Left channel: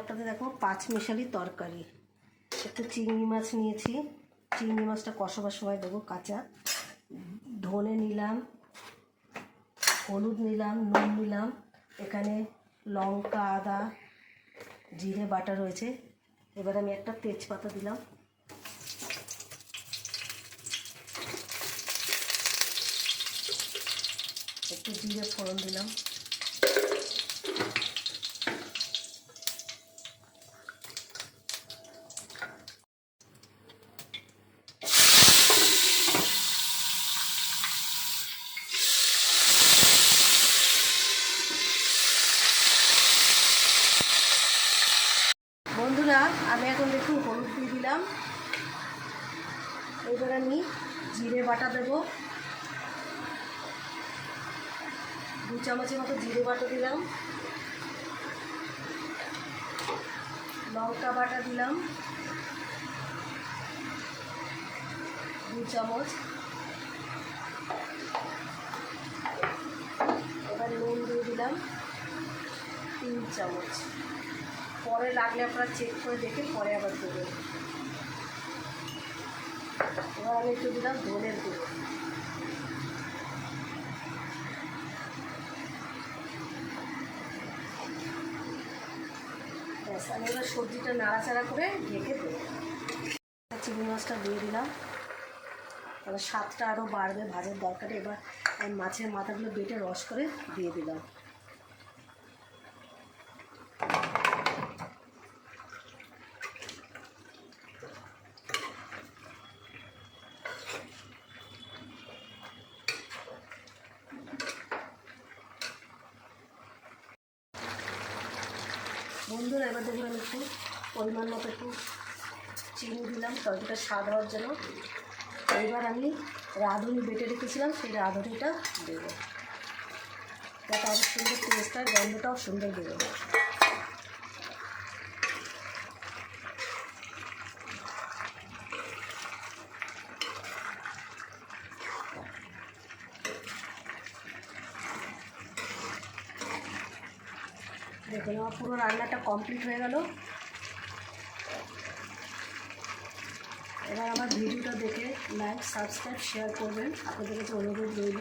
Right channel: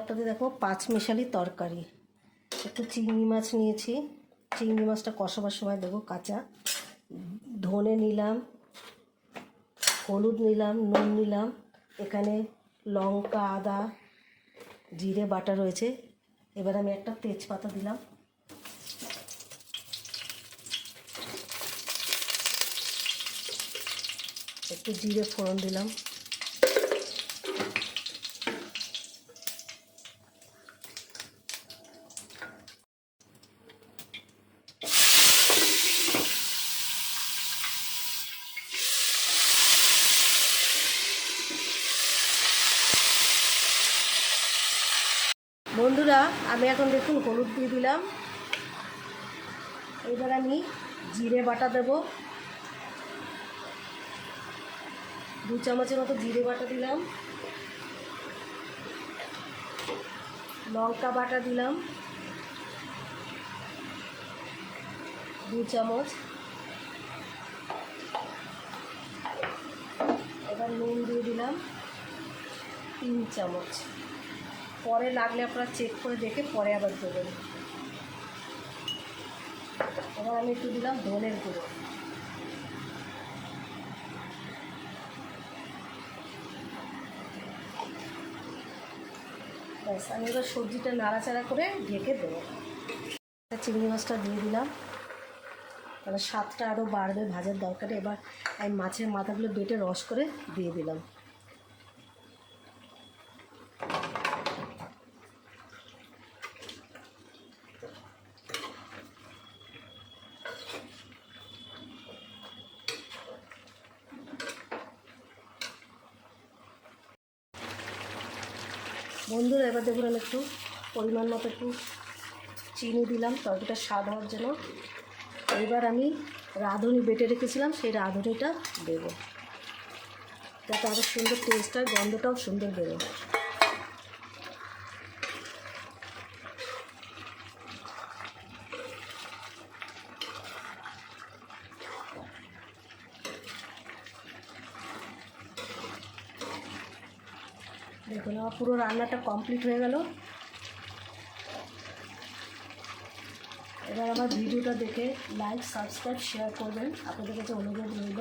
আপনাদের দেখো পাঁচমিশালি তরকারি। একটু চিংড়ি মাছ নিয়েছি, চিংড়ি মাছটা কষাবার সময় দেবো কাঁচা। ধনে নিলাম, হলুদ নিলাম, নুন নিলাম, এখানে লঙ্কা, আদা, জিরে বাটা রয়েছে। এবার আমি একটা তেজপাতা দিলাম, একটু জিরে ফোড়ন দিলাম, বন্ধুরা আমি এখন দেখুন হলুদ দিয়ে দিলাম। এবার আমি জিরে বাটা দেবো, 2 চামচের মতো জিরে বাটা দিলাম, লঙ্কা বাটা দিলাম 2 চামচ, এবার নুন দিয়ে দিলাম 3 চামচ। পরে লাগলে আপনারা চেক করে দেখে পরে আবার দেবেন। এবার আমি একটু দিলাম ধনের গুঁড়ো, ব্যাস। আমি এবার সবজিটা নাড়াচাড়া করে ঢেকে দেবো। চিংড়ি মাছটা দিয়ে দিলাম, তাহলে স্বাদটা আরও বাড়বে ভাজার দরকারে। এবার আমি মাছের মাথাগুলো বেটে রস করে দিয়ে দিলাম। বন্ধুরা এবার দেখুন আমি একটু পরিমাণ মতো একটু চিনি দিলাম তরকারিটা স্বাদ হওয়ার জন্য। এবার আমি রাঁধুনি বেটে রেখেছিলাম, সেই রাঁধুনিটা দেবো, তাতে আরও সুন্দর টেস্ট হয়, গন্ধটাও সুন্দর বেরোবে। দেখুন আমার পুরো রান্নাটা কমপ্লিট হয়ে গেল। এবার আমার ভিডিওটা দেখে লাইক, সাবস্ক্রাইব, শেয়ার করবেন, আপনাদের কাছে অনুরোধ রইল।